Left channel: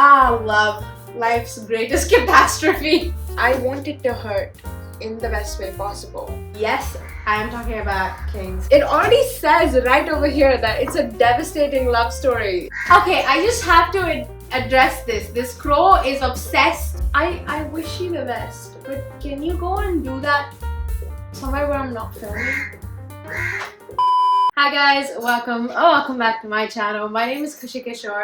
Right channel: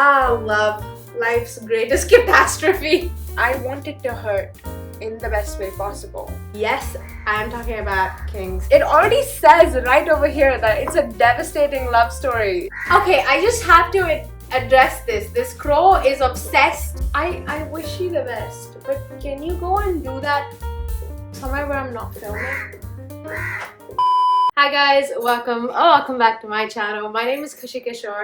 Ah, love. Life's greatest catastrophe. I want it to hurt in the best way possible. Yes, I am talking about Kings. It already says right over here that it's a devastating love story. Okay, I just have to address this. This crow is obsessed. I wish you the best, but can you go and do that somewhere where I'm not filming? Hi guys, welcome back to my channel. My name is Khushi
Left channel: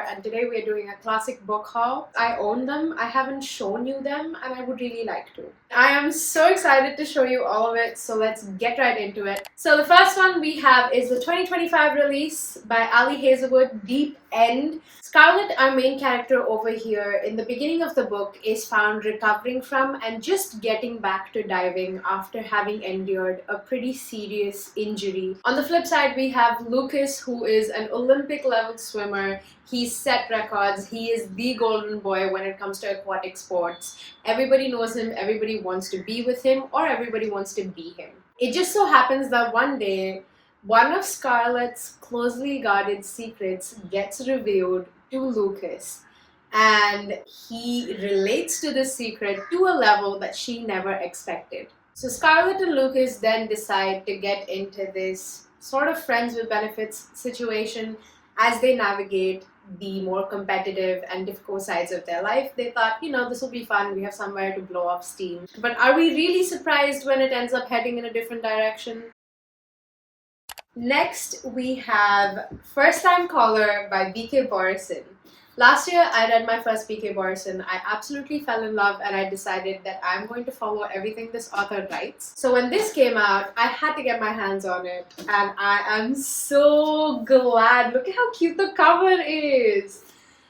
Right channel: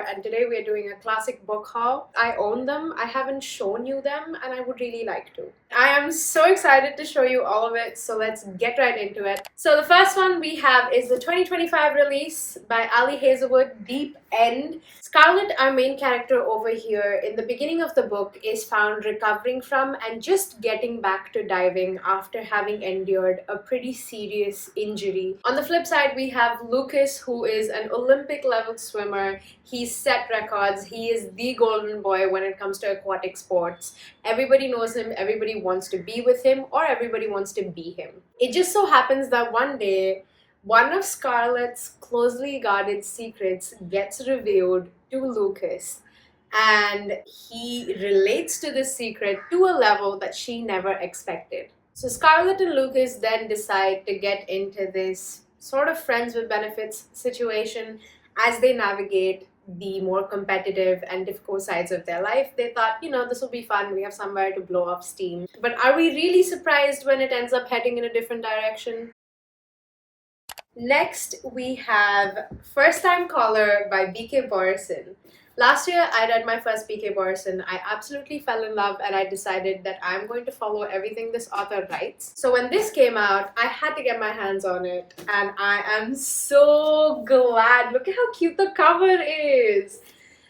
and today we are doing a classic book haul. I own them, I haven't shown you them, and I would really like to. I am so excited to show you all of it, so let's get right into it. So the first one we have is the 2025 release by Ali Hazelwood, Deep End. Scarlett, our main character over here, in the beginning of the book is found recovering from and just getting back to diving after having endured a pretty serious injury. On the flip side, we have Lucas, who is an Olympic level swimmer. He's set records. He is the golden boy when it comes to aquatic sports. Everybody knows him, everybody wants to be with him, or everybody wants to be him. It just so happens that one day, one of Scarlett's closely guarded secrets gets revealed to Lucas, and he relates to this secret to a level that she never expected. So Scarlett and Lucas then decide to get into this sort of friends with benefits situation as they navigate the more competitive and difficult sides of their life. They thought, this will be fun, we have somewhere to blow off steam. But are we really surprised when it ends up heading in a different direction? Next, we have First Time Caller by B.K. Borison. Last year, I read my first B.K. Borison. I absolutely fell in love and I decided that I'm going to follow everything this author writes. So when this came out, I had to get my hands on it and I am so glad. Look at how cute the cover is.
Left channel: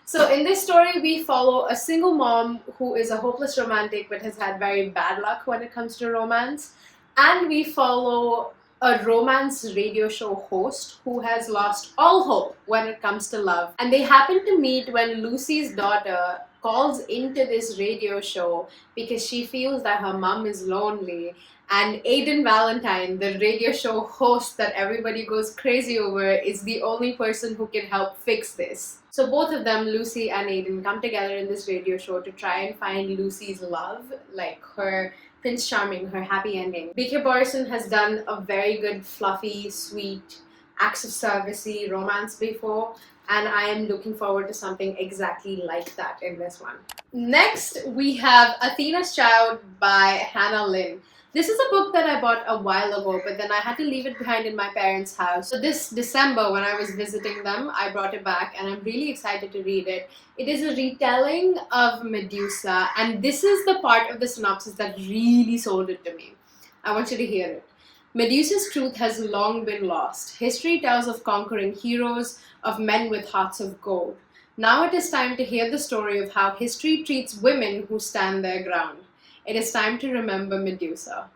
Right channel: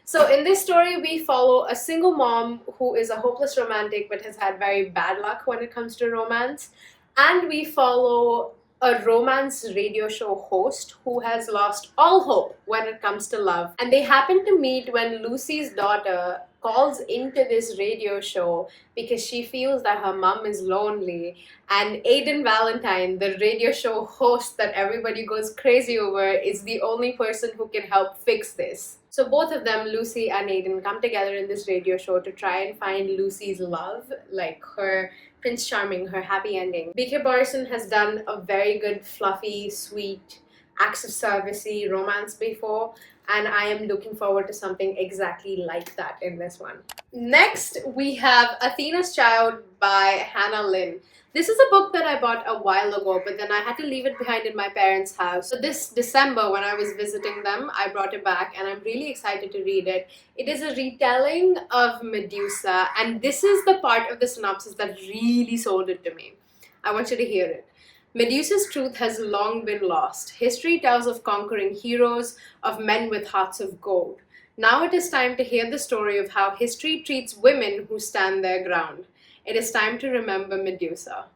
So in this story, we follow a single mom who is a hopeless romantic but has had very bad luck when it comes to romance. And we follow a romance radio show host who has lost all hope when it comes to love. And they happen to meet when Lucy's daughter calls into this radio show because she feels that her mom is lonely. And Aiden Valentine, the radio show host that everybody goes crazy over, is the only person who can help fix this. So both of them, Lucy and Aiden, come together in this radio show to try and find Lucy's love, like her Prince Charming, her happy ending. B.K. Borison has done a very good, fluffy, sweet, acts of servicey romance before, and I am looking forward to something exactly like that in this one. Next, we have Athena's Child by Hannah Lynn. This is a book that I bought a while ago, but then I had to leave it behind in my parents' house. So this December, when I was visiting them, I brought it back and I'm really excited to read it. It is a retelling of Medusa, and this is the part of the synopsis that really sold it to me. I want you to hear it. Medusa's truth has long been lost. History tells of conquering heroes, of men with hearts of gold. Now it is time to hear the story of how history treats women who stand their ground. It is time to remember Medusa.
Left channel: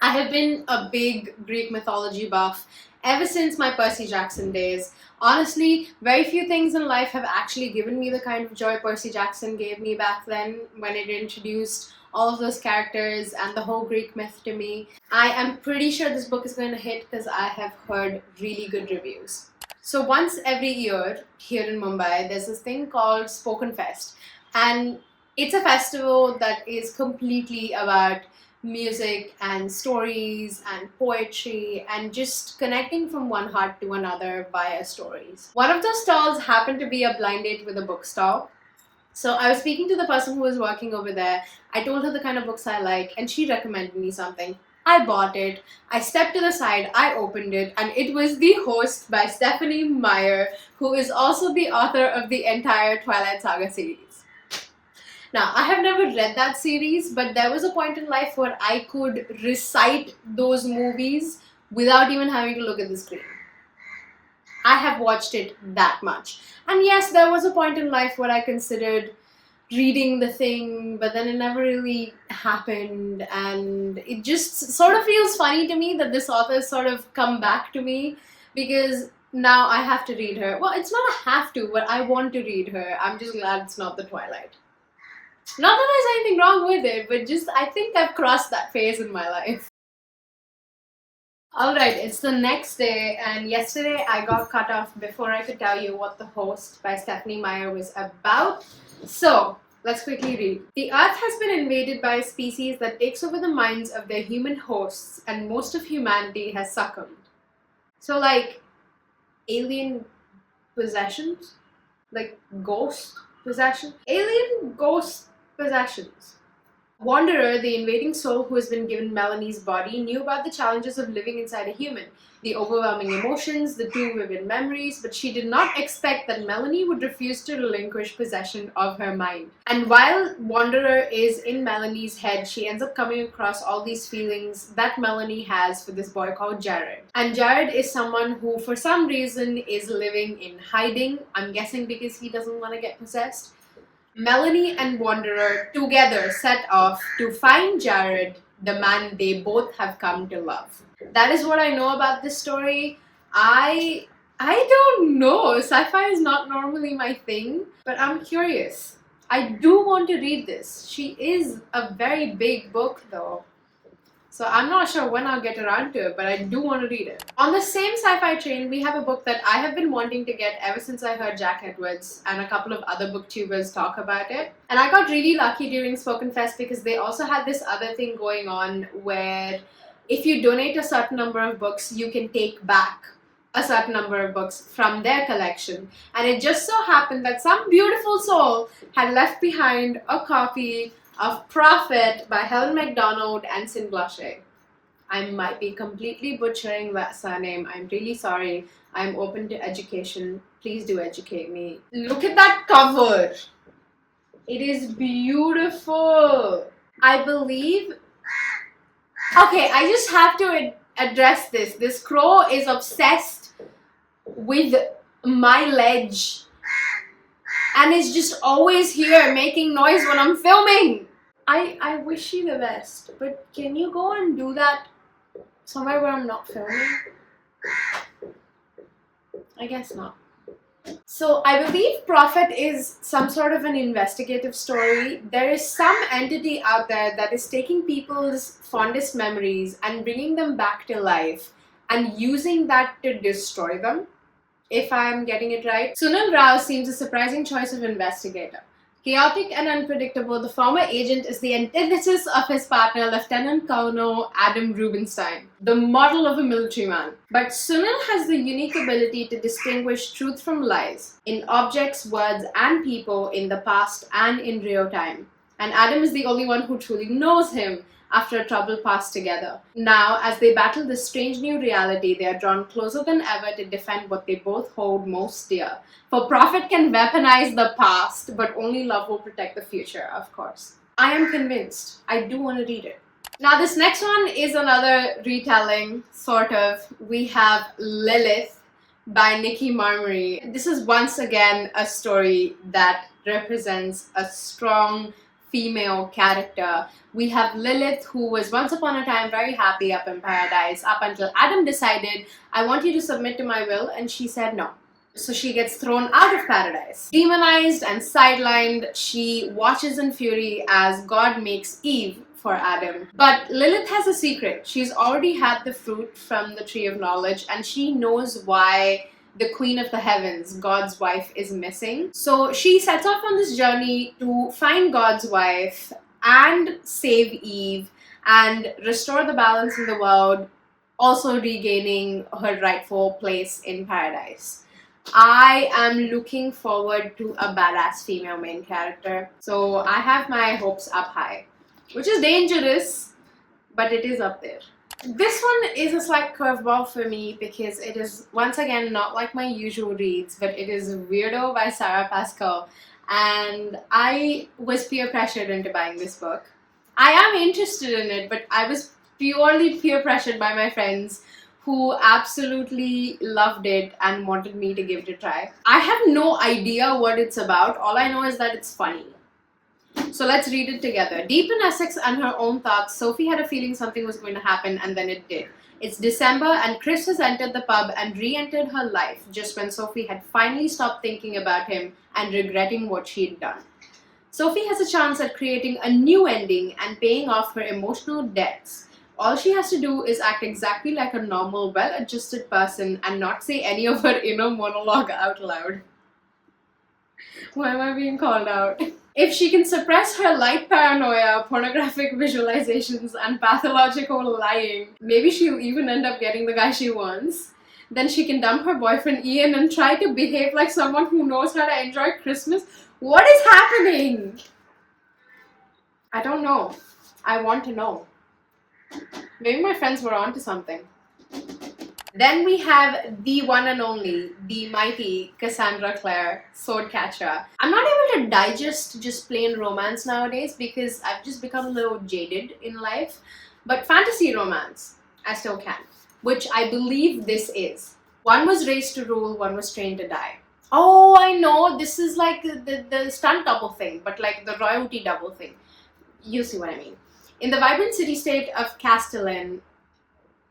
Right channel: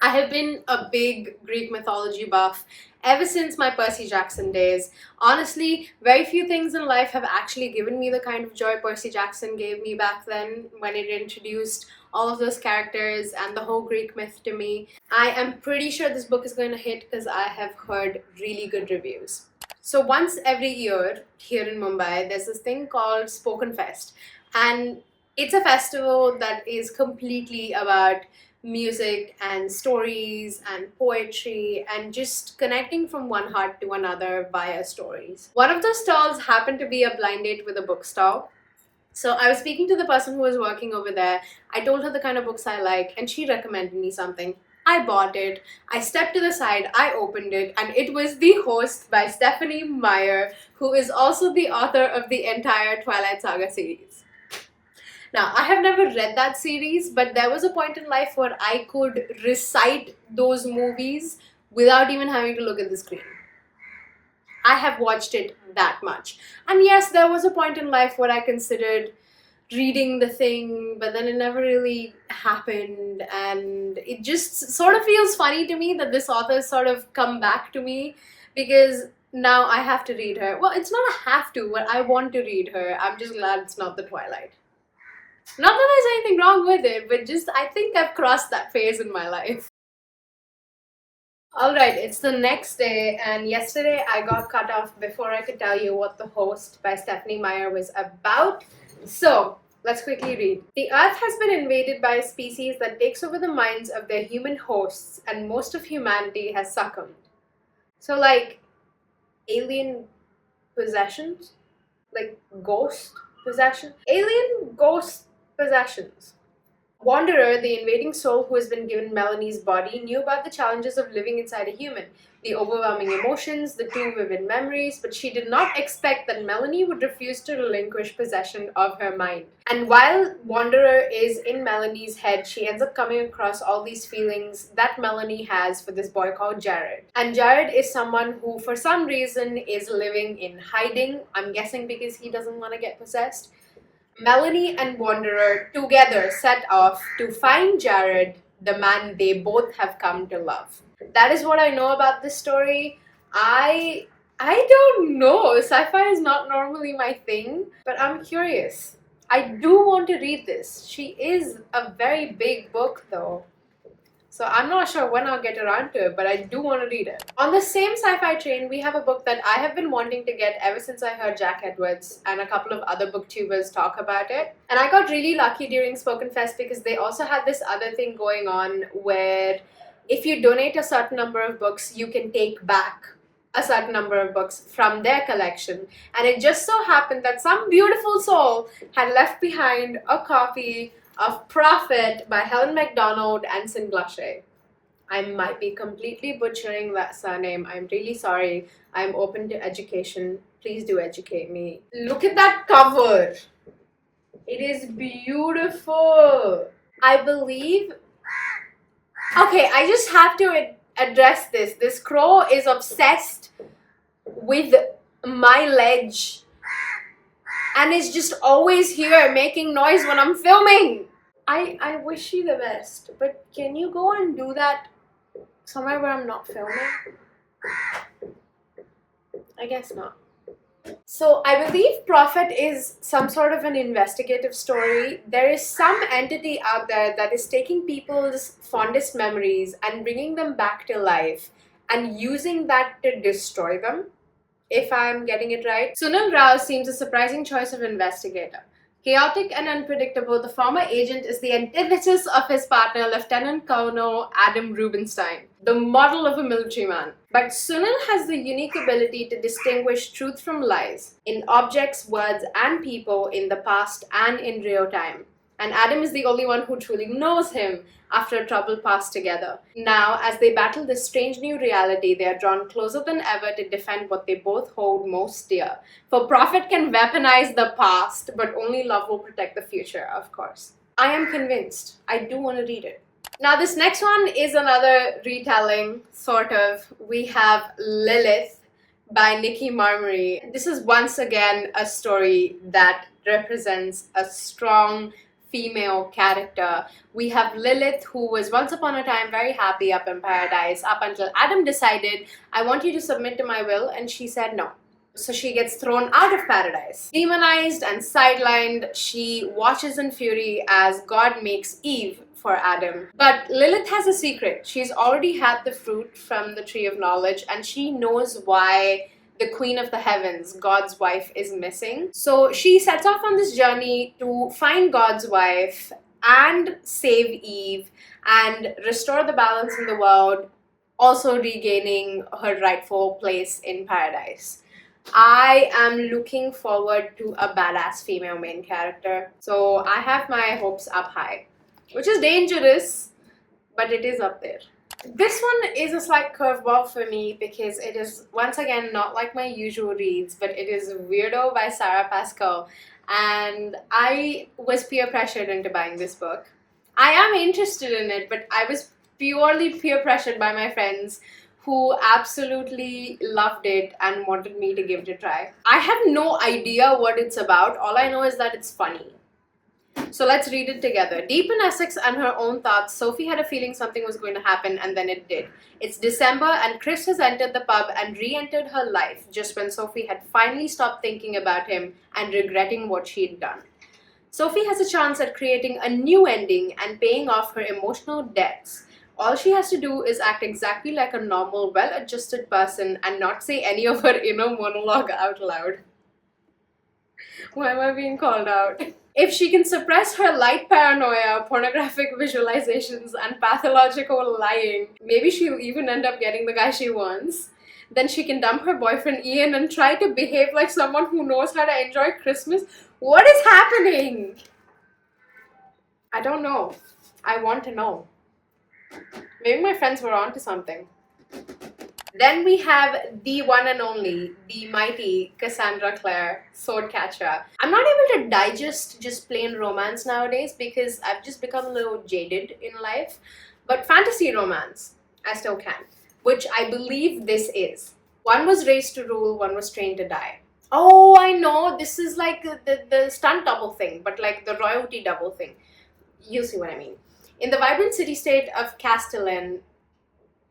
I have been a big Greek mythology buff ever since my Percy Jackson days. Honestly, very few things in life have actually given me the kind of joy Percy Jackson gave me back then when it introduced all of those characters and the whole Greek myth to me. I am pretty sure this book is going to hit because I have heard really good reviews. So once every year here in Mumbai, there's this thing called Spoken Fest, and it's a festival that is completely about music and stories and poetry and just connecting from one heart to another via stories. One of the stalls happened to be a blind date with a bookstall. So I was speaking to the person who was working over there. I told her the kind of books I like and she recommended me something. I bought it, I stepped to the side, I opened it, and it was The Host by Stephanie Meyer, who is also the author of the entire Twilight Saga series. Now, I have never read that series, but there was a point in life where I could recite those movies without even having to look at the screen. I have watched it that much. And yes, there was a point in life where I considered reading the thing, but then it never really happened, and it just sort of feels funny to me that this author sort of come back to me because now I have to read her. Well, it's not a have to, but I want to read her. I'm just glad it's not the Twilight. Not that there's anything wrong with it, but just I think I've crossed that phase in my life. Alright, it's the next day, and yesterday I got cut off before I could tell you what The Host by Stephanie Meyer was about. So, let's quickly read. The Earth has been invaded by a species that takes over the minds of their human hosts, and most of humanity has succumbed. So, like, alien possessions? Like, ghost possession? Alien ghost possessions. Wanderer, the invading soul who has been given Melanie's body, knew about the challenges of living inside a human, the overwhelming emotions, the too vivid memories, but she did not expect that Melanie would refuse to relinquish possession of her mind. And while Wanderer is in Melanie's head, she ends up coming across all these feelings that Melanie has for this boy called Jared. And Jared is someone who, for some reason, is living in hiding. I'm guessing because he doesn't want to get possessed. Melanie and Wanderer together set off to find Jared, the man they both have come to love. That is what I know about this story. I don't know. Sci-fi is not normally my thing, but I'm curious. I do want to read this. She is a very big book though. So I'm not sure when I'll get around to it, but I do want to read it. On the same sci-fi train, we have a book that I have been wanting to get ever since I heard Jack Edwards and a couple of other booktubers talk about it. And I got really lucky during Spoken Fest because they also had this other thing going on where if you donate a certain number of books, you can take back a certain number of books from their collection. And it just so happened that some beautiful soul had left behind a copy of Prophet by Helen MacDonald and Sin Blushé. I might be completely butchering that surname. I'm really sorry. I'm open to education. Please do educate me. Look at that cover. It is beautiful. I believe... Okay, I just have to address this. This crow is obsessed with my ledge and is just always here making noise when I'm filming. I wish you the best, but can you go and do that somewhere where I'm not filming? I guess not. So I believe Prophet is some sort of an investigative story. There is some entity out there that is taking people's fondest memories and bringing them back to life and using that to destroy them, if I'm getting it right. Sunil Rao seems a surprising choice of investigator. Chaotic and unpredictable, the former agent is the antithesis of his partner, Lieutenant Colonel Adam Rubinstein, the model of a military man. But Sunil has the unique ability to distinguish truth from lies in objects, words, and people in the past and in real time. And Adam is the only one who truly knows him after a troubled past together. Now, as they battle this strange new reality, they are drawn closer than ever to defend what they both hold most dear. For Prophet can weaponize the past, but only love will protect the future, of course. I am convinced. I do want to read it. Now, this next one is another retelling, sort of. We have Lilith by Nikki Marmory. This is once again a story that represents a strong female character. We have Lilith, who was once upon a time very happy up in paradise, up until Adam decided, I want you to submit to my will, and she said no. So she gets thrown out of paradise. Demonized and sidelined, she watches in fury as God makes Eve for Adam. But Lilith has a secret. She's already had the fruit from the tree of knowledge, and she knows why the Queen of the Heavens, God's wife, is missing. So she sets off on this journey to find God's wife and save Eve and restore the balance in the world, also regaining her rightful place in paradise. I am looking forward to a badass female main character. So I have my hopes up high, which is dangerous, but it is up there. This one is a slight curveball for me because it is, once again, not like my usual reads, but it is Weirdo by Sarah Pascal, and I was peer pressured into buying this book. I am interested in it, but I was purely peer pressured by my friends who absolutely loved it and wanted me to give it a try. I have no idea what it's about. All I know is that it's funny. So let's read it together. Deep in Essex and her own thoughts, Sophie had a feeling something was going to happen, and then it did. It's December, and Chris has entered the pub and re-entered her life just when Sophie had finally stopped thinking about him and regretting what she'd done. Sophie has a chance at creating a new ending and paying off her emotional debts. All she has to do is act exactly like a normal, well-adjusted person and not say any of her inner monologue out loud. Why am I being called out? If she can suppress her light paranoia, pornographic visualizations, and pathological lying, maybe she'll even end up getting the guy she wants. Then she can dump her boyfriend Ian and try to behave like someone who knows how to enjoy Christmas. What is happening? I don't know. I want to know. Maybe my friends were onto something. Then we have the one and only, the mighty Cassandra Clare, Swordcatcher. I'm not able to digest just plain romance nowadays because I've just become a little jaded in life. But fantasy romance, I still can, which I believe this is. One was raised to rule, one was trained to die. Oh, I know, this is like the stunt double thing, but like the royalty double thing. You see what I mean. In the vibrant city-state of Castellan,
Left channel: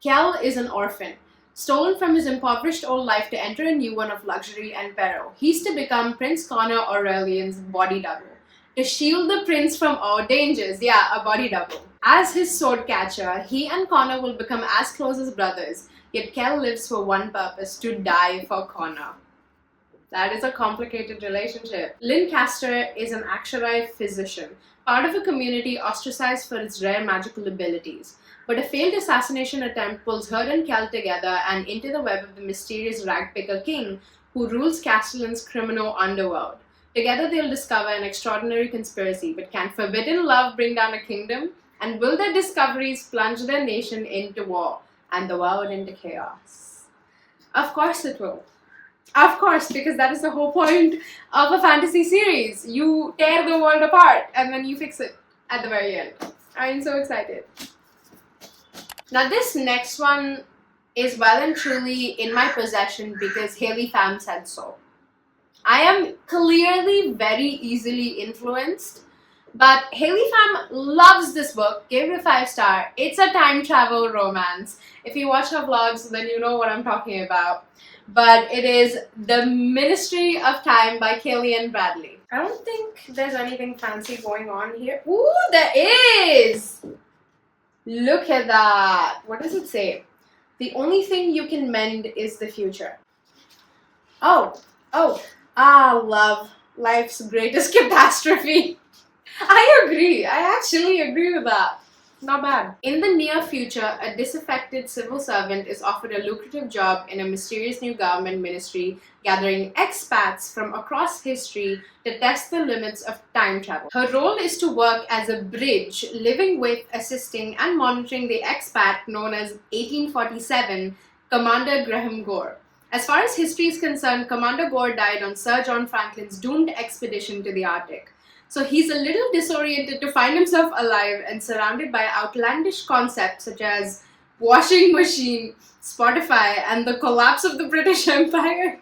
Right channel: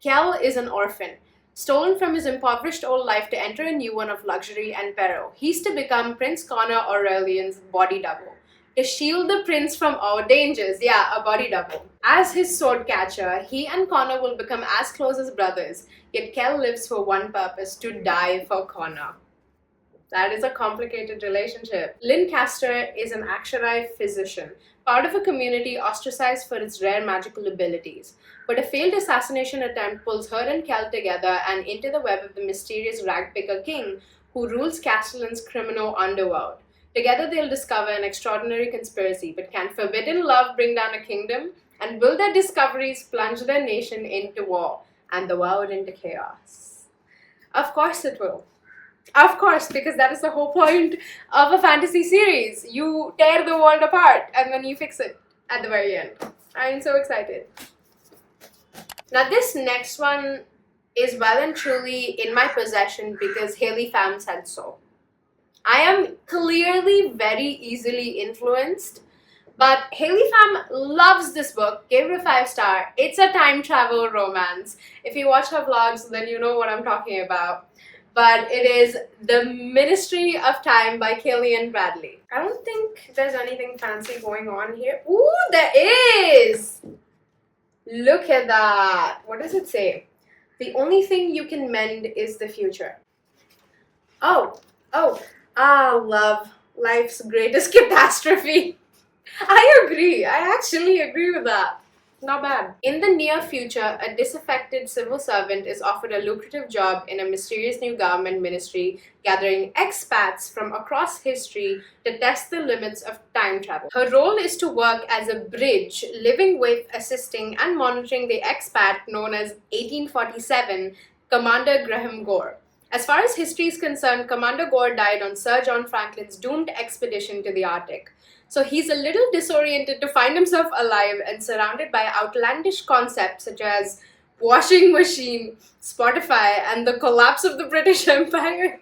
Kel is an orphan, stolen from his impoverished old life to enter a new one of luxury and peril. He's to become Prince Connor Aurelian's body double, to shield the prince from all dangers. Yeah, a body double. As his sword catcher, he and Connor will become as close as brothers, yet Kel lives for one purpose, to die for Connor. That is a complicated relationship. Lynn Castor is an Aksharai physician, part of a community ostracized for its rare magical abilities. But a failed assassination attempt pulls her and Kel together and into the web of the mysterious ragpicker king who rules Castellan's criminal underworld. Together they'll discover an extraordinary conspiracy, but can forbidden love bring down a kingdom? And will their discoveries plunge their nation into war and the world into chaos? Of course it will. Of course, because that is the whole point of a fantasy series. You tear the world apart and then you fix it at the very end. I'm so excited. Now this next one is well and truly in my possession because Haley Pham said so. I am clearly very easily influenced, but Haley Pham loves this book, gave it a 5-star. It's a time travel romance. If you watch her vlogs, then you know what I'm talking about. But it is The Ministry of Time by Killian Bradley. I don't think there's anything fancy going on here. Ooh, there is! Look at that. What does it say? The only thing you can mend is the future. Love. Life's greatest catastrophe. I agree. I actually agree with that. Not bad. In the near future, a disaffected civil servant is offered a lucrative job in a mysterious new government ministry, gathering expats from across history to test the limits of time travel. Her role is to work as a bridge, living with, assisting, and monitoring the expat known as 1847, Commander Graham Gore. As far as history is concerned, Commander Gore died on Sir John Franklin's doomed expedition to the Arctic. So he's a little disoriented to find himself alive and surrounded by outlandish concepts such as washing machine, Spotify, and the collapse of the British Empire.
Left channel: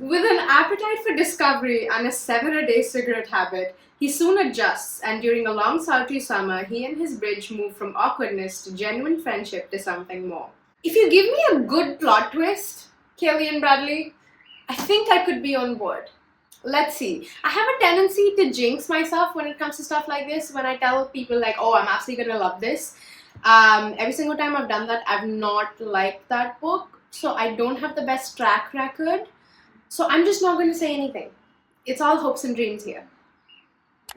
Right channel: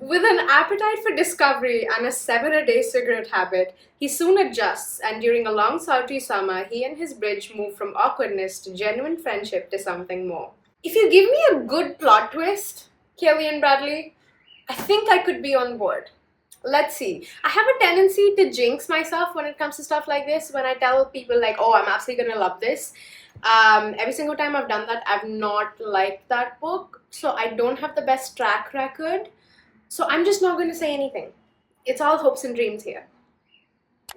With an appetite for discovery and a 7-a-day cigarette habit, he soon adjusts, and during a long sultry summer, he and his bridge move from awkwardness to genuine friendship to something more. If you give me a good plot twist, Killian Bradley, I think I could be on board. Let's see. I have a tendency to jinx myself when it comes to stuff like this. When I tell people like, oh, I'm absolutely gonna love this. Every single time I've done that, I've not liked that book. So I don't have the best track record. So I'm just not going to say anything. It's all hopes and dreams here.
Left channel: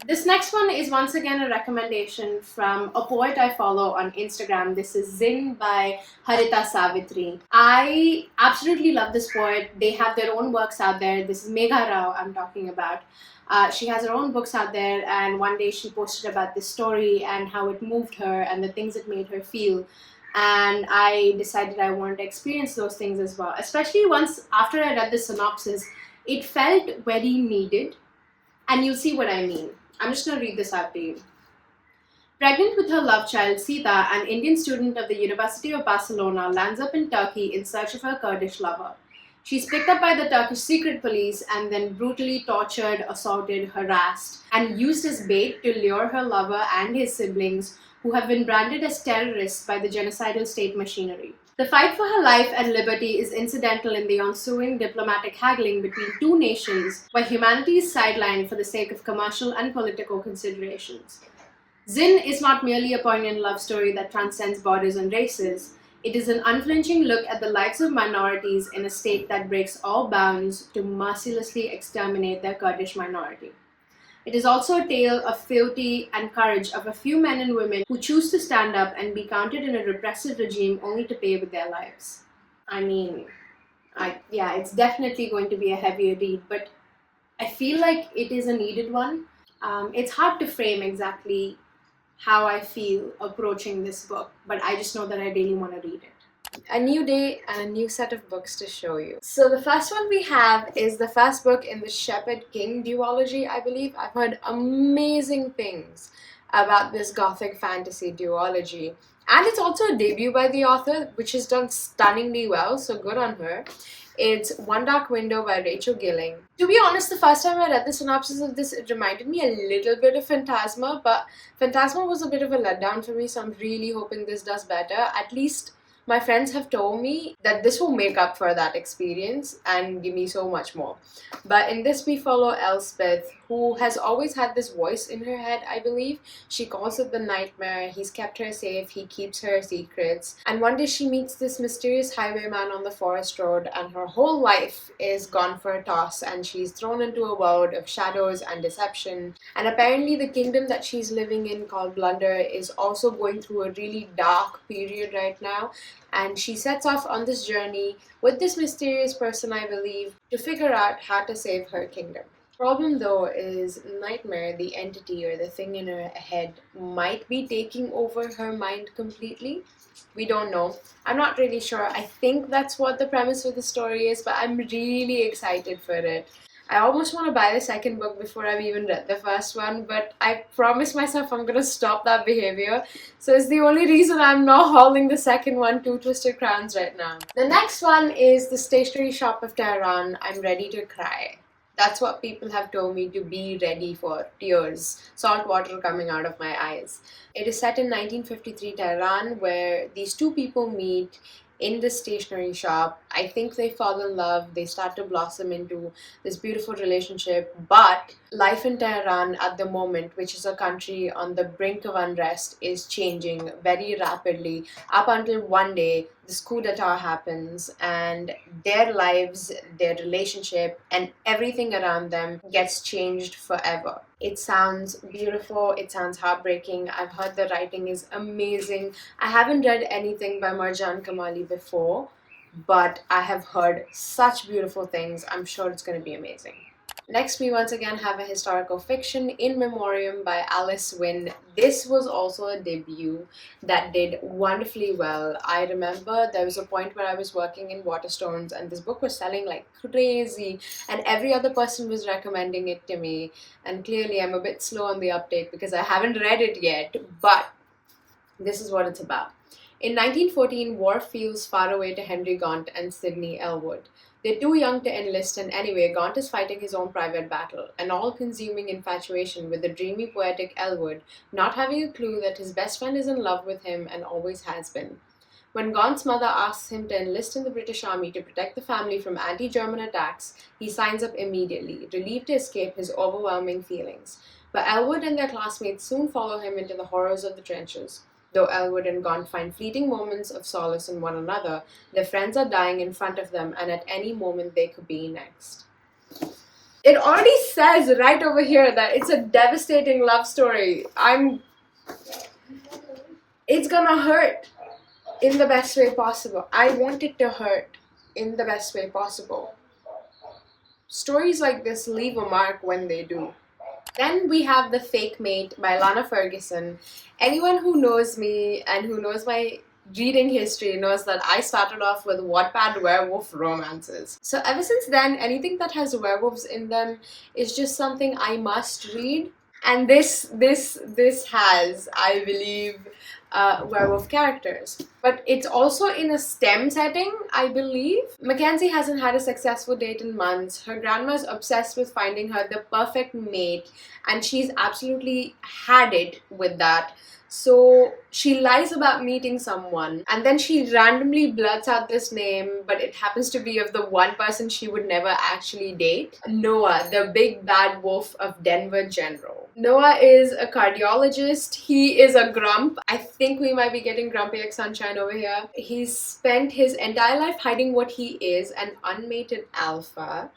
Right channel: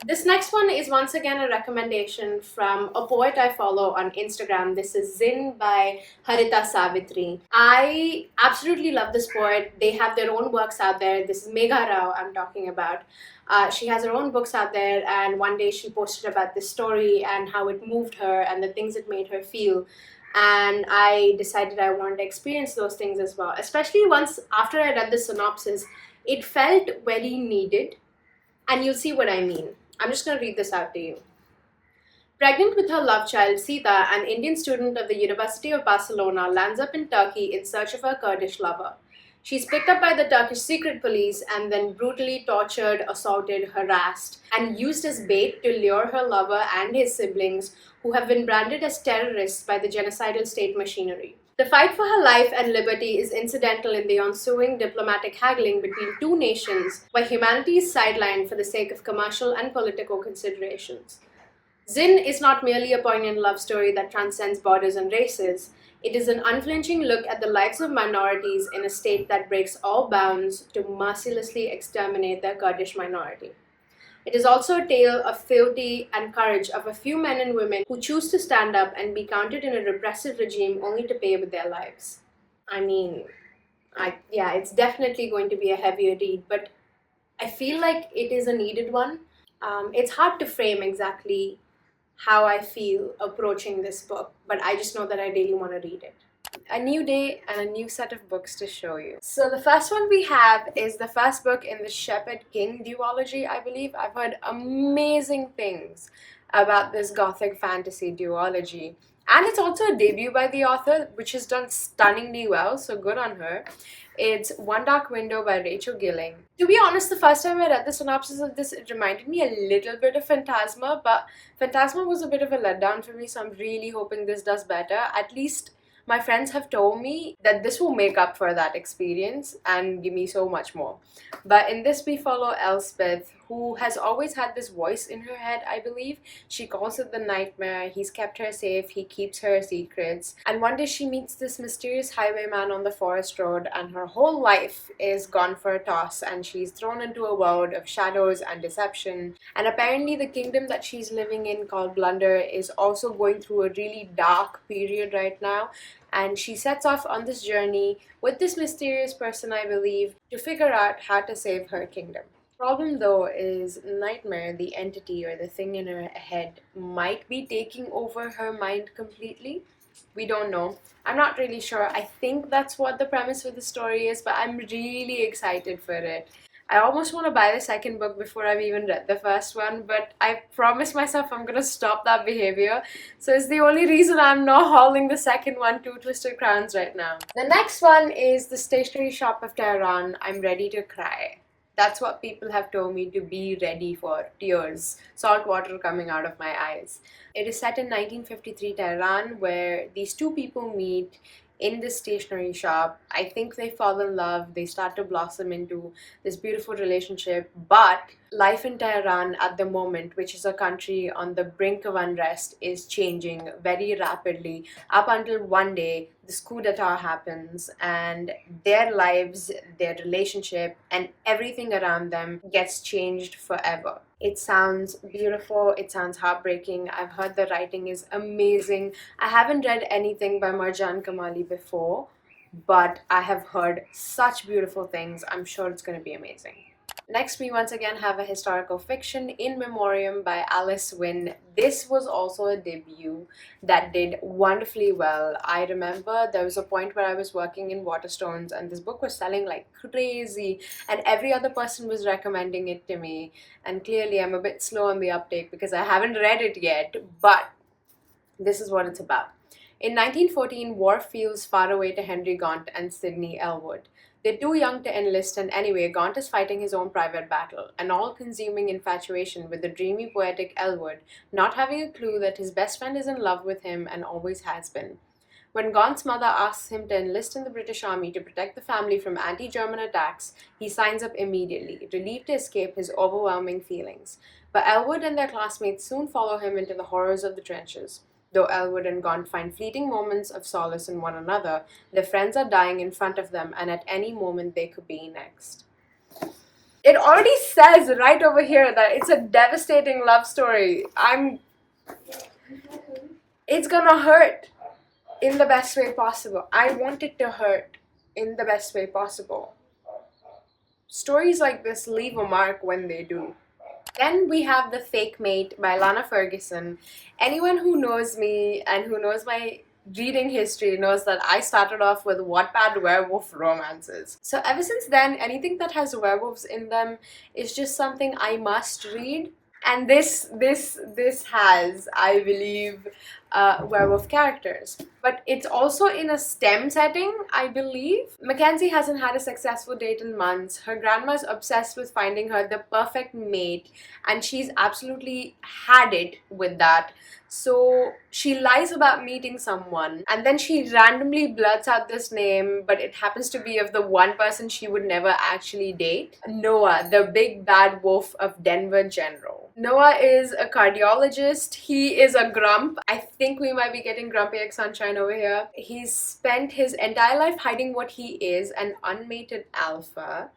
This next one is once again a recommendation from a poet I follow on Instagram. This is Zin by Harita Savitri. I absolutely love this poet. They have their own works out there. This is Megha Rao I'm talking about. She has her own books out there, and one day she posted about this story and how it moved her and the things it made her feel. And I decided I wanted to experience those things as well. Especially once after I read the synopsis, it felt very needed. And you'll see what I mean. I'm just going to read this out to you. Pregnant with her love child, Sita, an Indian student of the University of Barcelona, lands up in Turkey in search of her Kurdish lover. She's picked up by the Turkish secret police and then brutally tortured, assaulted, harassed, and used as bait to lure her lover and his siblings, who have been branded as terrorists by the genocidal state machinery. The fight for her life and liberty is incidental in the ensuing diplomatic haggling between two nations, while humanity is sidelined for the sake of commercial and political considerations. Zin is not merely a poignant love story that transcends borders and races. It is an unflinching look at the lives of minorities in a state that breaks all bounds to mercilessly exterminate their Kurdish minority. It is also a tale of fealty and courage of a few men and women who choose to stand up and be counted in a repressive regime only to pay with their lives. I mean, yeah, it's definitely going to be a heavier read, but I feel like it is a needed one. It's hard to frame exactly how I feel approaching this book, but I just know that I really want to read it. A new day and a new set of books to show you. So the first one we have is the first book in the Shepherd King duology, I believe. I've heard amazing things about this gothic fantasy duology. And it's also a debut by the author, which has done stunningly well, so good on her. It's One Dark Window by Rachel Gilling. To be honest, the first time I read the synopsis of this, it reminded me a little bit of Phantasma, but Phantasma was a bit of a letdown for me, so I'm really hoping this does better. At least my friends have told me that this will make up for that experience and give me so much more. But in this, we follow Elspeth, who has always had this voice in her head, I believe. She calls it the nightmare. He's kept her safe, he keeps her secrets. And one day she meets this mysterious highwayman on the forest road, and her whole life is gone for a toss, and she's thrown into a world of shadows and deception. And apparently, the kingdom that she's living in, called Blunder, is also going through a really dark period right now. And she sets off on this journey with this mysterious person, I believe, to figure out how to save her kingdom. Problem though is Nightmare, the entity or the thing in her head, might be taking over her mind completely. We don't know. I'm not really sure. I think that's what the premise of the story is, but I'm really excited for it. I almost want to buy the second book before I've even read the first one, but I promised myself I'm gonna stop that behavior. So it's the only reason I'm not hauling the second one, Two Twisted Crowns, right now. The next one is The Stationery Shop of Tehran. I'm ready to cry. That's what people have told me, to be ready for tears, salt water coming out of my eyes. It is set in 1953 Tehran, where these two people meet in this stationery shop. I think they fall in love, they start to blossom into this beautiful relationship, but life in Tehran at the moment, which is a country on the brink of unrest, is changing very rapidly up until one day this coup d'etat happens and their lives, their relationship, and everything around them gets changed forever. It sounds beautiful, it sounds heartbreaking. I've heard the writing is amazing. I haven't read anything by Marjan Kamali before, but I have heard such beautiful things. I'm sure it's going to be amazing. Next, we once again have a historical fiction, In Memoriam by Alice Wynne. This was also a debut that did wonderfully well. I remember there was a point where I was working in Waterstones and this book was selling like crazy, and every other person was recommending it to me. And clearly, I'm a bit slow on the uptake because I haven't read it yet, but this is what it's about. In 1914, war feels far away to Henry Gaunt and Sidney Elwood. They're too young to enlist, and anyway, Gaunt is fighting his own private battle, an all consuming infatuation with the dreamy, poetic Elwood, not having a clue that his best friend is in love with him and always has been. When Gaunt's mother asks him to enlist in the British Army to protect the family from anti German attacks, he signs up immediately, relieved to escape his overwhelming feelings. But Elwood and their classmates soon follow him into the horrors of the trenches. Though Elwood and Gaunt find fleeting moments of solace in one another, their friends are dying in front of them, and at any moment they could be next. It already says right over here that it's a devastating love story. It's gonna hurt in the best way possible. I want it to hurt in the best way possible. Stories like this leave a mark when they do. Then we have The Fake Mate by Lana Ferguson. Anyone who knows me and who knows my reading history knows that I started off with Wattpad werewolf romances. So ever since then, anything that has werewolves in them is just something I must read. And this has, I believe, werewolf characters. But it's also in a STEM setting, I believe. Mackenzie hasn't had a successful date in months. Her grandma's obsessed with finding her the perfect mate, and she's absolutely had it with that. So she lies about meeting someone, and then she randomly blurts out this name, but it happens to be of the one person she would never actually date, Noah, the big bad wolf of Denver General. Noah is a cardiologist. He is a grump. I think we might be getting Grumpy X Sunshine over here. He's spent his entire life hiding what he is, an unmated alpha.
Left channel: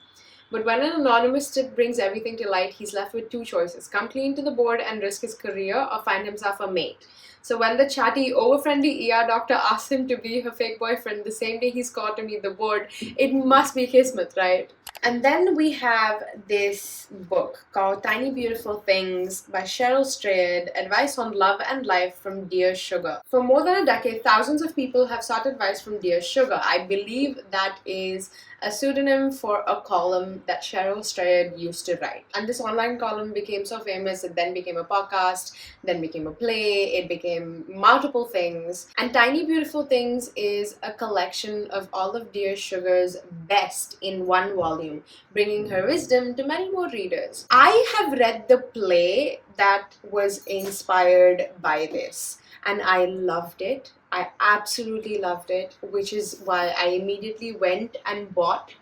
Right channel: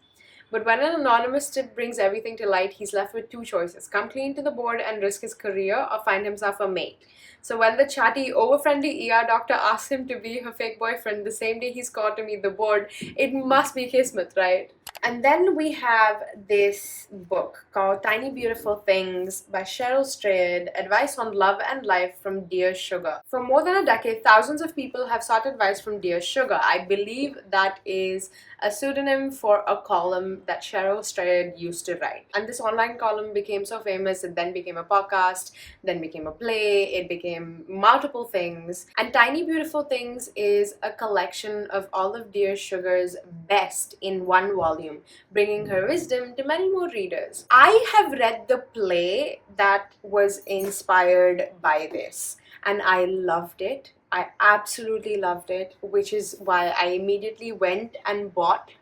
But when an anonymous tip brings everything to light, he's left with two choices: come clean to the board and risk his career, or find himself a mate. So when the chatty, over-friendly ER doctor asks him to be her fake boyfriend the same day he's called to meet the board, it must be kismet, right? And then we have this book called Tiny Beautiful Things by Cheryl Strayed, Advice on Love and Life from Dear Sugar. For more than a decade, thousands of people have sought advice from Dear Sugar. I believe that is a pseudonym for a column that Cheryl Strayed used to write. And this online column became so famous, it then became a podcast, then became a play, it became multiple things. And Tiny Beautiful Things is a collection of all of Dear Sugar's best in one volume, bringing her wisdom to many more readers. I have read the play that was inspired by this, and I loved it. I absolutely loved it, which is why I immediately went and bought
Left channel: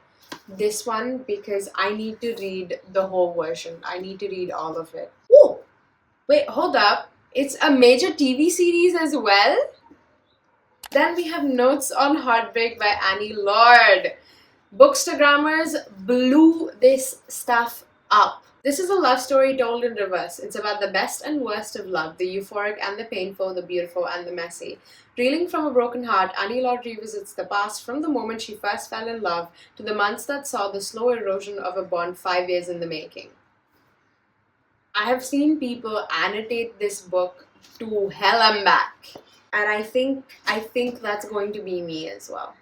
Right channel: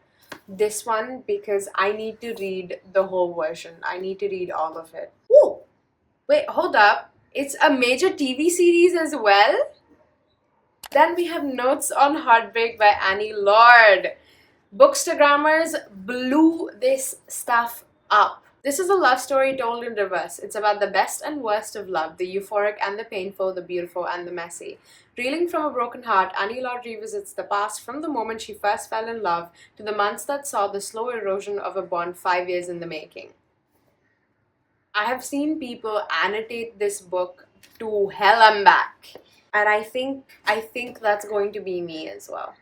this one, because I need to read the whole version. I need to read all of it. Ooh, wait, hold up. It's a major TV series as well? Then we have Notes on Heartbreak by Annie Lord. Bookstagrammers blew this stuff up. This is a love story told in reverse. It's about the best and worst of love, the euphoric and the painful, the beautiful and the messy. Reeling from a broken heart, Annie Lord revisits the past from the moment she first fell in love to the months that saw the slow erosion of a bond 5 years in the making. I have seen people annotate this book to hell and back, and I think that's going to be me as well.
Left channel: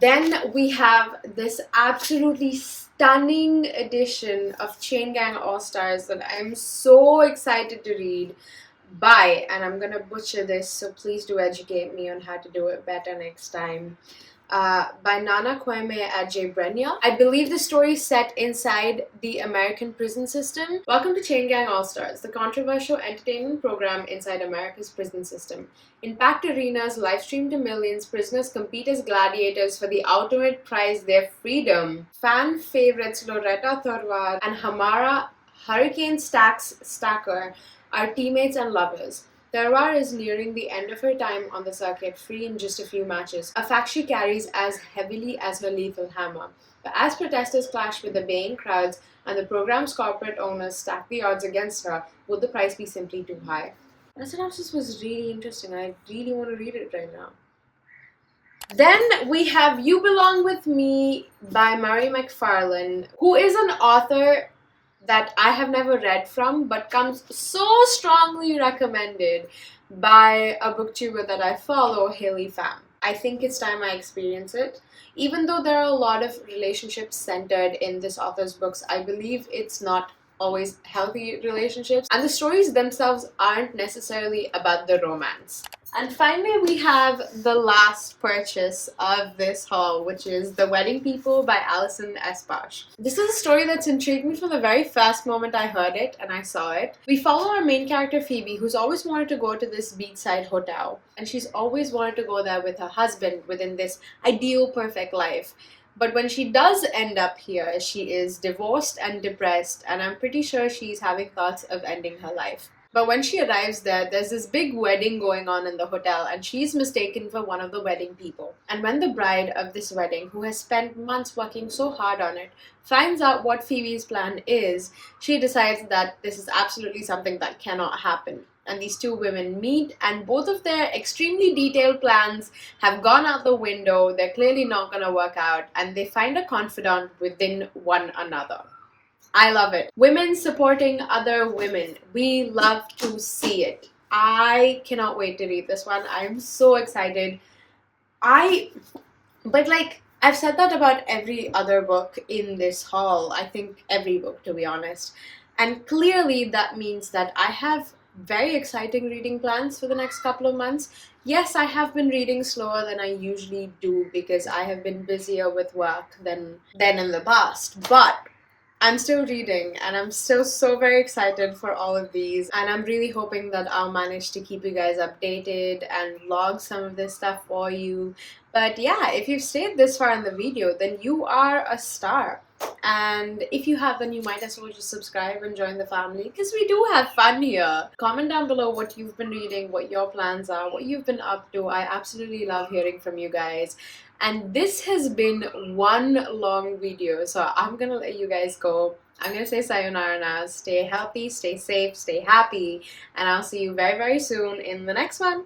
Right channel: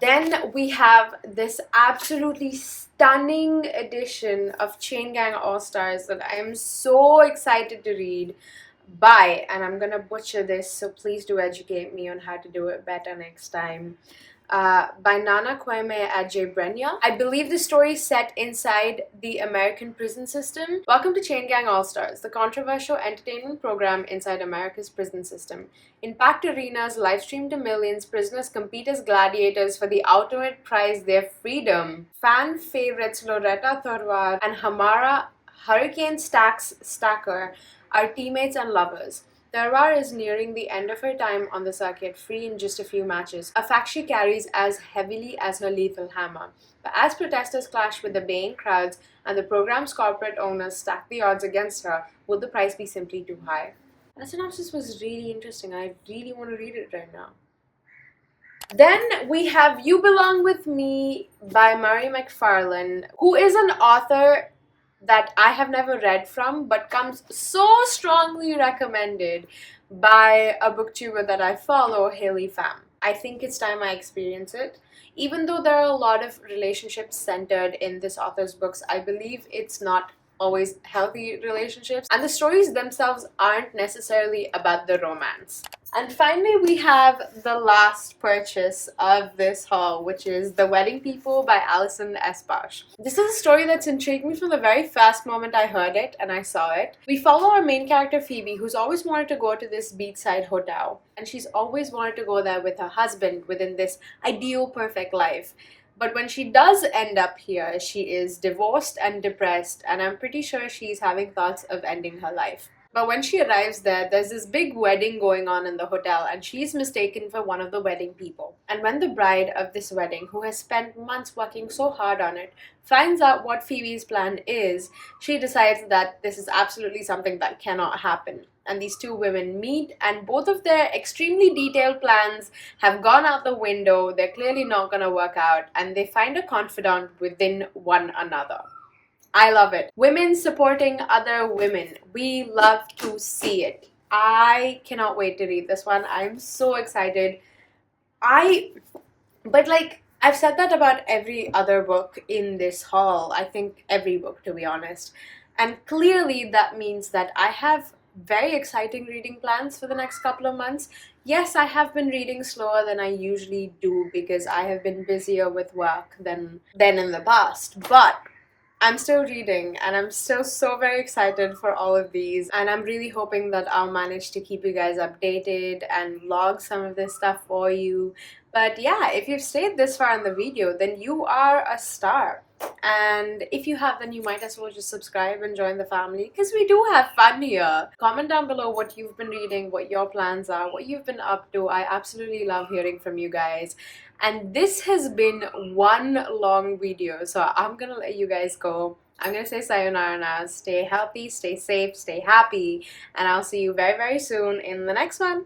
Then we have this absolutely stunning edition of Chain Gang All-Stars that I am so excited to read by, and I'm gonna butcher this, so please do educate me on how to do it better next time. By Nana Kwame Adjei-Brenyah. I believe the story is set inside the American prison system. Welcome to Chain Gang All-Stars, the controversial entertainment program inside America's prison system. In packed arenas, live streamed to millions, prisoners compete as gladiators for the ultimate prize, their freedom. Fan favorites Loretta Thorwar and Hamara Hurricane Stacker are teammates and lovers. Thorwar is nearing the end of her time on the circuit, free in just a few matches, a fact she carries as heavily as her lethal hammer. But as protesters clash with the baying crowds and the program's corporate owners stack the odds against her, will the price be simply too high? That synopsis was really interesting. I really want to read it right now. Then we have You Belong With Me by Murray McFarlane, who is an author that I have never read from, but comes so strongly recommended by a booktuber that I follow, Haley Pham. I think it's time I experience it. Even though there are a lot of relationships centered in this author's books, I believe it's not always healthy relationships, and the stories themselves aren't necessarily about the romance. And finally, we have the last purchase of this haul, which is The Wedding People by Alison S. Bosch. This is a story that's intrigued me from the very first moment I heard it and I saw it. We follow our main character Phoebe, who's always wanted to go to this beachside hotel, and she's always wanted to go there with her husband within this ideal perfect life. But when she does end up here, she is divorced and depressed, and I'm pretty sure she's having thoughts of ending her life. But when she arrives there, there's this big wedding going on in the hotel, and she's mistaken for one of the wedding people. And when the bride of this wedding, who has spent months working so hard on it, finds out what Phoebe's plan is, she decides that this is absolutely something that cannot happen. And these two women meet, and both of their extremely detailed plans have gone out the window. They're clearly not going to work out, and they find a confidant within one another. I love it. Women supporting other women. We love to see it. I cannot wait to read this one. I'm so excited. But I've said that about every other book in this haul. I think every book, to be honest. And clearly that means that I have very exciting reading plans for the next couple of months. Yes, I have been reading slower than I usually do because I have been busier with work than in the past. But I'm still reading, and I'm still so very excited for all of these, and I'm really hoping that I'll manage to keep you guys updated and log some of this stuff for you. But yeah, if you've stayed this far in the video, then you are a star. And if you have, then you might as well just subscribe and join the family because we do have fun here. Comment down below what you've been reading, what your plans are, what you've been up to. I absolutely love hearing from you guys. And this has been one long video, so I'm gonna let you guys go. I'm gonna say sayonara now. Stay healthy, stay safe, stay happy, and I'll see you very, very soon in the next one.